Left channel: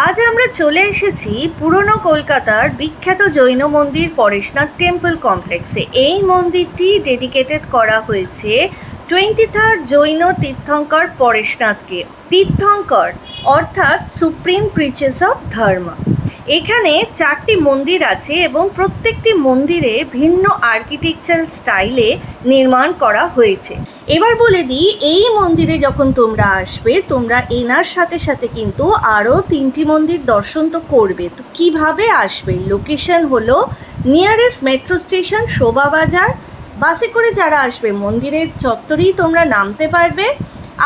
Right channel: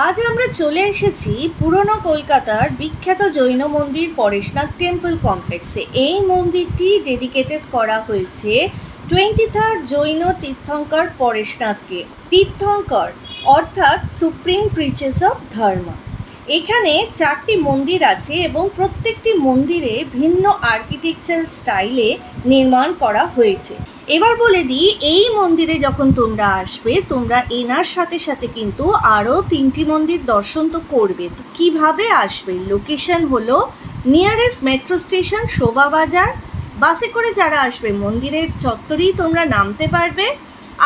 আজ আমরা চলে এসেছি পুরনো কলকাতার বিখ্যাত জৈন মন্দির পরেশনাথ টেম্পল কমপ্লেক্সে। এই মন্দিরটি ডেডিকেটেড করা হয়েছে টোয়েন্টি থার্ড জৈন তীর্থঙ্কর পরেশনাথকে। তীর্থঙ্কর, অর্থাৎ সুপ্রিম প্রিচেস অফ ধর্ম। এখানে চারটি মন্দির আছে এবং প্রত্যেকটি মন্দিরে ভিন্ন আর্কিটেকচার স্টাইলে নির্মাণ করা হয়েছে। এবার বলে দিই, এই মন্দিরে যখন তোমরা আসবে, তোমরা এনার সাথে সাথে কিন্তু আরও তিনটি মন্দির দর্শন তো করবে। তো কীভাবে আসবে? লোকেশন হলো নিয়ারেস্ট মেট্রো স্টেশন শোভাবাজার বাসে করে যারা আসবে, মন্দিরের চত্বরেই তোমরা নামতে পারবে।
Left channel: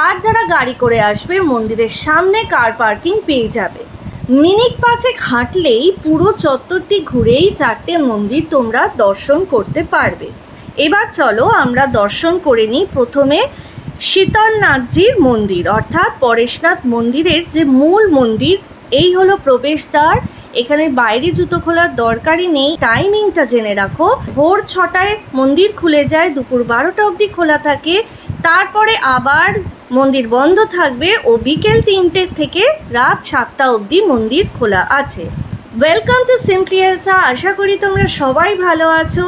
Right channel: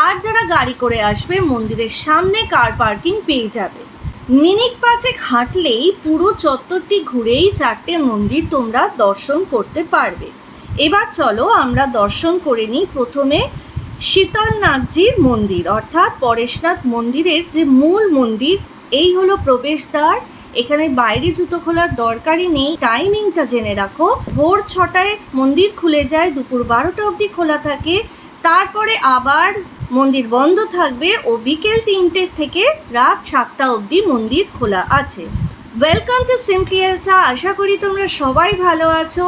আর যারা গাড়ি করে আসবে, মন্দিরের সামনে কার পার্কিং পেয়ে যাবে। মিনিট পাঁচেক হাঁটলেই পুরো চত্বরটি ঘুরেই চারটে মন্দির তোমরা দর্শন করতে পারবে। এবার চলো আমরা দর্শন করে নিই প্রথমে শীতলনাথজির মন্দির, অর্থাৎ পরেশনাথ মন্দিরের যে মূল মন্দির, এই হলো প্রবেশদ্বার। এখানে বাইরে জুতো খোলার দরকারই নেই, টাইমিংটা জেনে রাখো। ভোর ছটায় মন্দির খুলে যায়, দুপুর বারোটা অবধি খোলা থাকে। তারপরে আবার মন্দির বন্ধ থাকবে ও বিকেল তিনটের থেকে রাত সাতটা অবধি মন্দির খোলা আছে। ওয়েলকাম টু সিম্পলি আশা করি তোমরা সবাই ভালো আছো।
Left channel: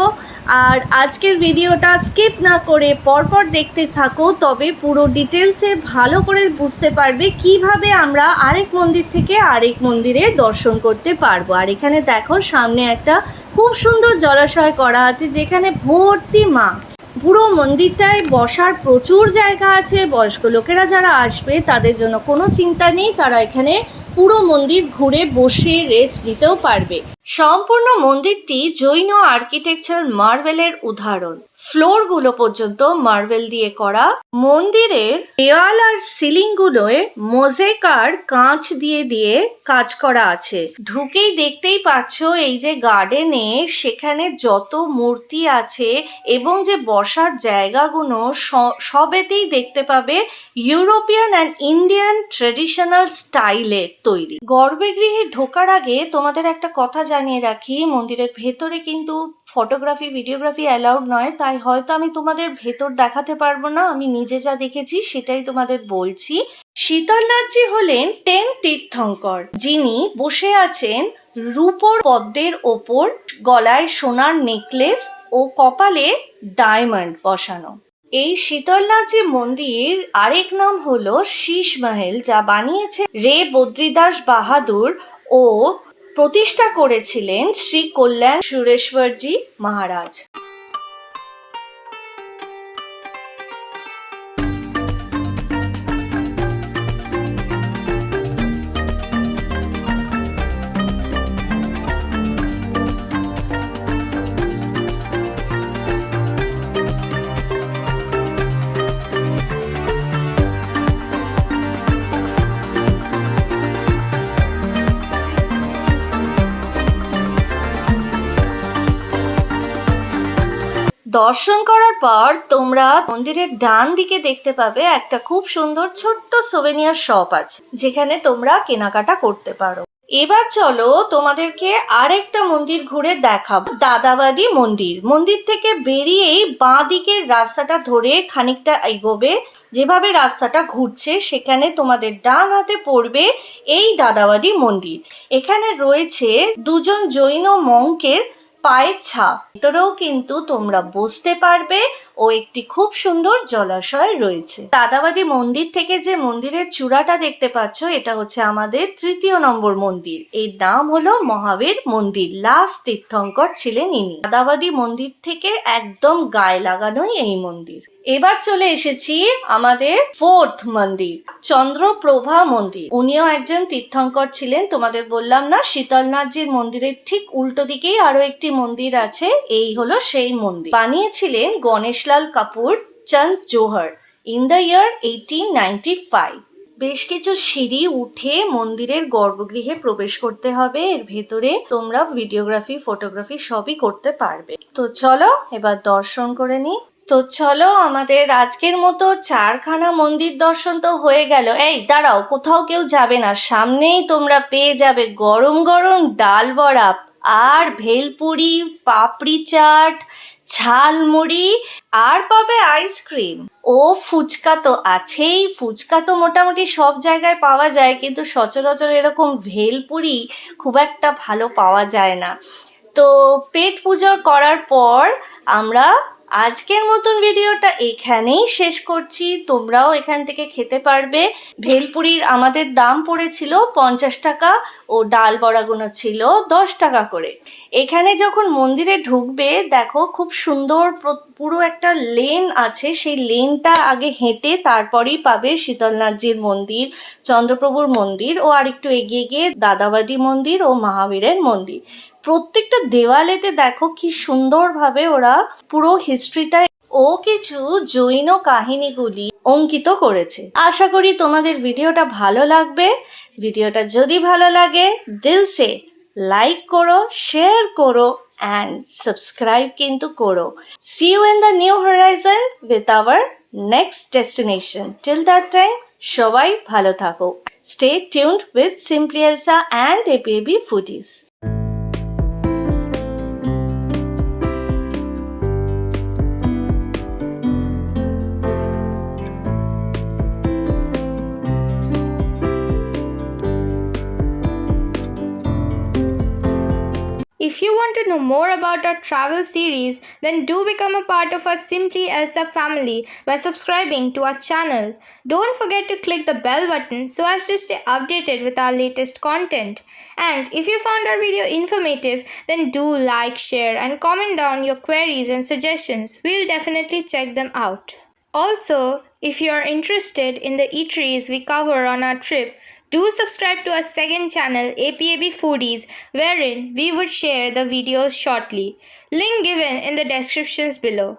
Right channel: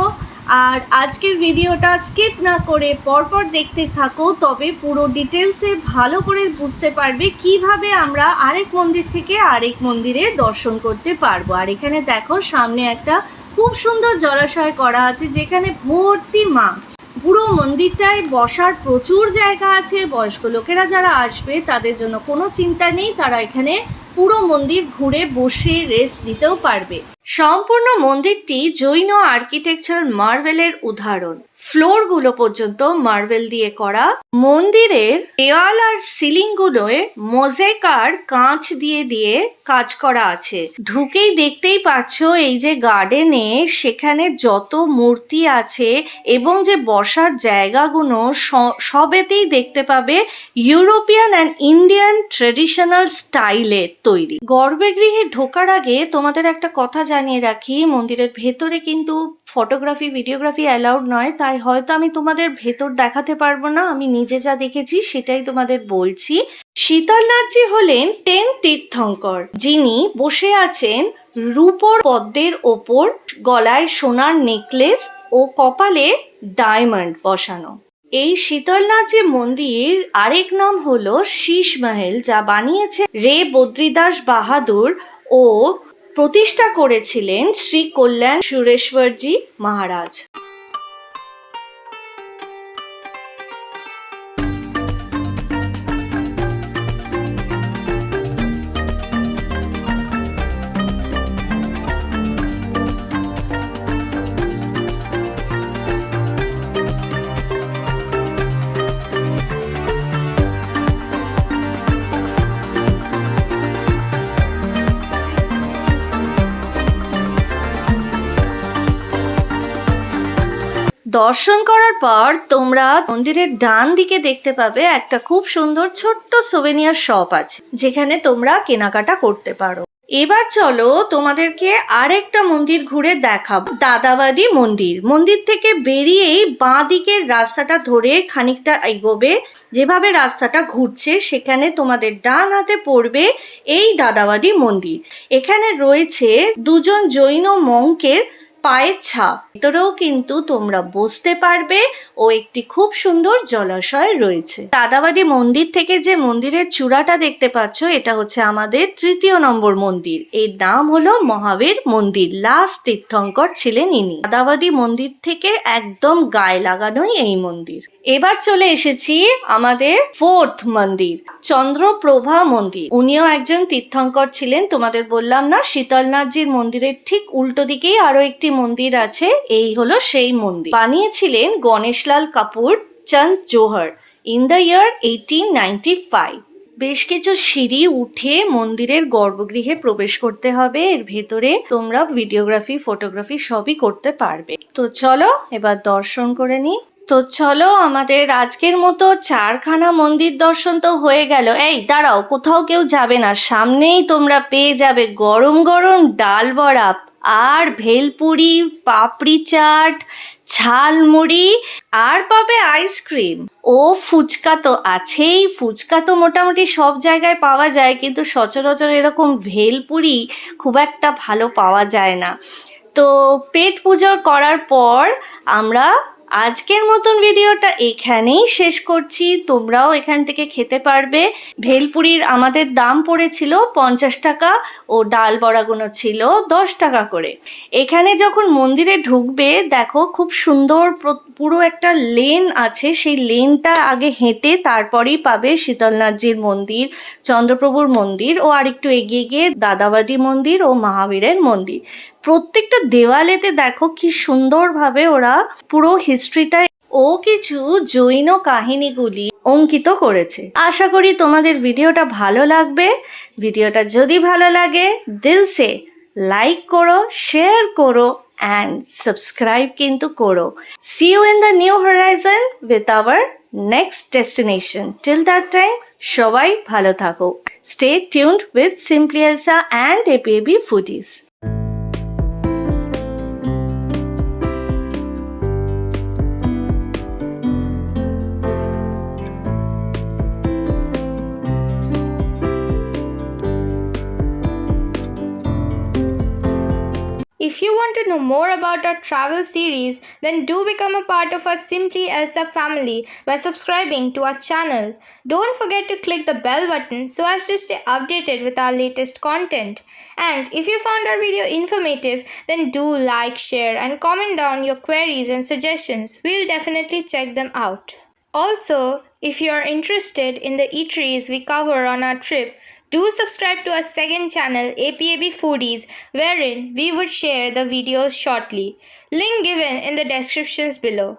আর আজকের ভিডিওটা স্কিপ না করে পরপর দেখতে থাকো, তবে পুরো ডিটেলসে ভালো করে বুঝতে পারবে কীভাবে আমরা আরেক মন্দির থেকে আরেক মন্দিরে দর্শন করতে পারব। আর এখানে দেখো, সামনে একটা খুব সুন্দর জলাশয় করা আছে, যেখানে ভর্তি মাছ। পুরো মন্দিরটায় বসার প্রচুর জায়গা আছে, বয়স্ক লোকেরা যারা আসবে তাদের জন্য কোনো চিন্তা নেই, তারা এখানে পুরো মন্দির ঘুরে বসে রেস্ট নিতেও পারবে। সম্পূর্ণ মন্দিরটি জৈন আর্কিটেকচার মার্বেলের উদাহরণ। ফ্লোরগুলো পর্যন্ত মার্বেল দিয়ে করা। মন্দিরের দেওয়াল আর সিলিং সিলিংগুলোয় মোজেকার কাঁচ দিয়ে দিয়ে কাজ করা আছে। ঢুকেই দেখতেই পাচ্ছ এই যে গার্ডেনে সেখানে যত মূর্তি আছে এবং যে বসার জায়গাগুলো সবেতেই দেখতে পাবে ইউরোপিয়ান অ্যান্ড ইন্ডিয়ান ট্রেডিশনাল স্টাইলের তৈরি। গর্ভগৃহে ঢোকার আগে তোমাদের একটা কথা জানিয়ে রাখি, মন্দিরের ভেতরে কিন্তু ফটোগ্রাফি ভিডিওগ্রাফি অ্যালাউড নয়। তাই হয়তো আমি তোমাদের ভেতর দেখাতে পারব না। আমি নিজে যা দেখেছি সেটাই তোমাদের বলছি। শীতলনাথজি হলেন টেন তীর্থঙ্কর, যিনি বসে আছেন রূপোর পদ্মের ওপর, গলায় সোনার নেকলেস ও কপালে ডায়মন্ড বসানো। এই শীতলনাথজি মন্দির আরেক নাম হলো শীষ মহল, যা বানিয়েছে রে বদ্রিদাস বাহাদুর ও প্রতিষ্ঠা করেছিলেন শ্রী কল্যাণ সুরেশ্বরজি মহারাজ। দর্শন করার পর তোমরা মন্দিরের ডান দিকে দেখতে পাবে একটা খুব সুন্দর ছোট্ট সোভেনিয়ার শপ আছে, যেখানে তোমরা কেনাকাটা করতে পারো। এবার চলো তোমাদেরকে আরেকটা মন্দির ঘুরে দেখাবো। দাদাবাদি মন্দির। মন্দির থেকে বেরিয়েই বাঁ দিকের রাস্তাটা ধরে খানিকটা এগোবে। যেভাবে রাস্তাটা ঘুরছে, সেখানে তোমাদের ডান হাতে পড়বে এই দাদাবাদি মন্দির। এখানে রয়েছে দুজন জৈন মঙ্কের পায়ের ছাপ। ভেতরেও কিন্তু তোমরা বসতে পারবে ও একটি খুব সুন্দর জলাশয় রয়েছে। দাদাবাদি মন্দির থেকে যে মন্দিরের চূড়াটা দেখতে পাচ্ছ, এটা হচ্ছে আমাদের তৃতীয় নম্বর মন্দির। এর নাম হলো মহাবীর মন্দির। লাস্ট তীর্থঙ্কর ছিলেন ইনি। দাদাবাদি মন্দির থেকে একদম গায়ে লাগানোই এই মন্দির। এবার চলে এসেছি আমাদের ফোর্থ মন্দির, চন্দ্রপ্রভা মন্দির। উনিও একজন তীর্থঙ্কর ছিলেন, তোমাদের বললাম না, শীতলনাথজির মন্দিরের ঠিক উল্টো দিকেই আরও একটি মন্দির আছে, এই হলো সেই মন্দির। বানিয়েছিলেন Ganeshlal Kapur Chand Johar in the year eighteen ninety five বেশ কিছু সিঁড়ি উঠে মন্দিরের গর্ভগৃহে প্রবেশ করতে হবে, এর ভেতরে তোমরা ভিডিওগ্রাফি ফটোগ্রাফি সবই করতে পারবে। তো চলো, এবার দর্শন করে নিই তো চলো, আমাদের আজকের মতো চারখানা মন্দির দর্শন তো হয়ে গেল। এই, দাঁড়াও, কোথাও কেউ যাবে না, সামনেই তোমরা পেয়ে যাবে গরম গরম ডাল বড়া আর ভেলপুরি, পাপড়ি চাট, ঝালমুড়ি, আর পাবে আইসক্রিম। ও ফুচকা তো আছেই, ফুচকা তো মোটামুটি সব জায়গায় পাওয়া যায়, কিন্তু সচরাচর এরকম ভেলপুরি খুব একটা ভালো পাওয়া যায় না। তো পেট পুজোর করার পর আমরা আজকের মতন ভিডিওটা এখানেই শেষ করছি। তোমরাও এখান থেকে খেতে পারবে। ভেলপুরির আমাদের দাম পড়েছিল পঞ্চাশ টাকা ও ডাল বড়াগুলো ছিল দশ টাকা করে। এখানে যখন মন্দিরে ঢুকবে, দেখো খুব সুন্দর পুরো একটা লেন আছে। সেই লেনটা আগে হেঁটে তারপরেই পাবে শীতলনাথজির মন্দির, চন্দ্রপ্রভুর মন্দির ও আরেকটু এগিয়ে গিয়ে দাদাবাদি মন্দির ও মহাবীরের মন্দির। প্রত্যেকটা দেওয়ালেতে দেখো কি সুন্দরভাবে ওরা পুরো হিস্ট্রিটা ও কিছু জৈন কাহিনীগুলি অঙ্কিত করেছে। আশা করি তোমাদের ভিডিওটা ভালো লাগবে। ভিডিওটা যদি ভালো লাগে, দিল সে লাইক করো শেয়ার করো অ্যান্ড সাবস্ক্রাইব কিন্তু করো। See you in the new horizon with our next destination till that time সবাই ভালো থাকো। স্টে টিউনড উইথ সিম্পলিয়াসা and a এপিএবি foodies If you want to know more about our travel series, then do become a part of our Simply Elsa family by subscribing to our channel. Don't forget to click the bell button so as to stay updated with our latest content. And if you found our video informative, then do like, share, and comment down your queries and suggestions. We'll definitely check them out. Also, if you are interested in the eateries we cover on our trip, do subscribe to our second channel, APAB Foodies, wherein we would share the videos shortly. Link given in the descriptions below.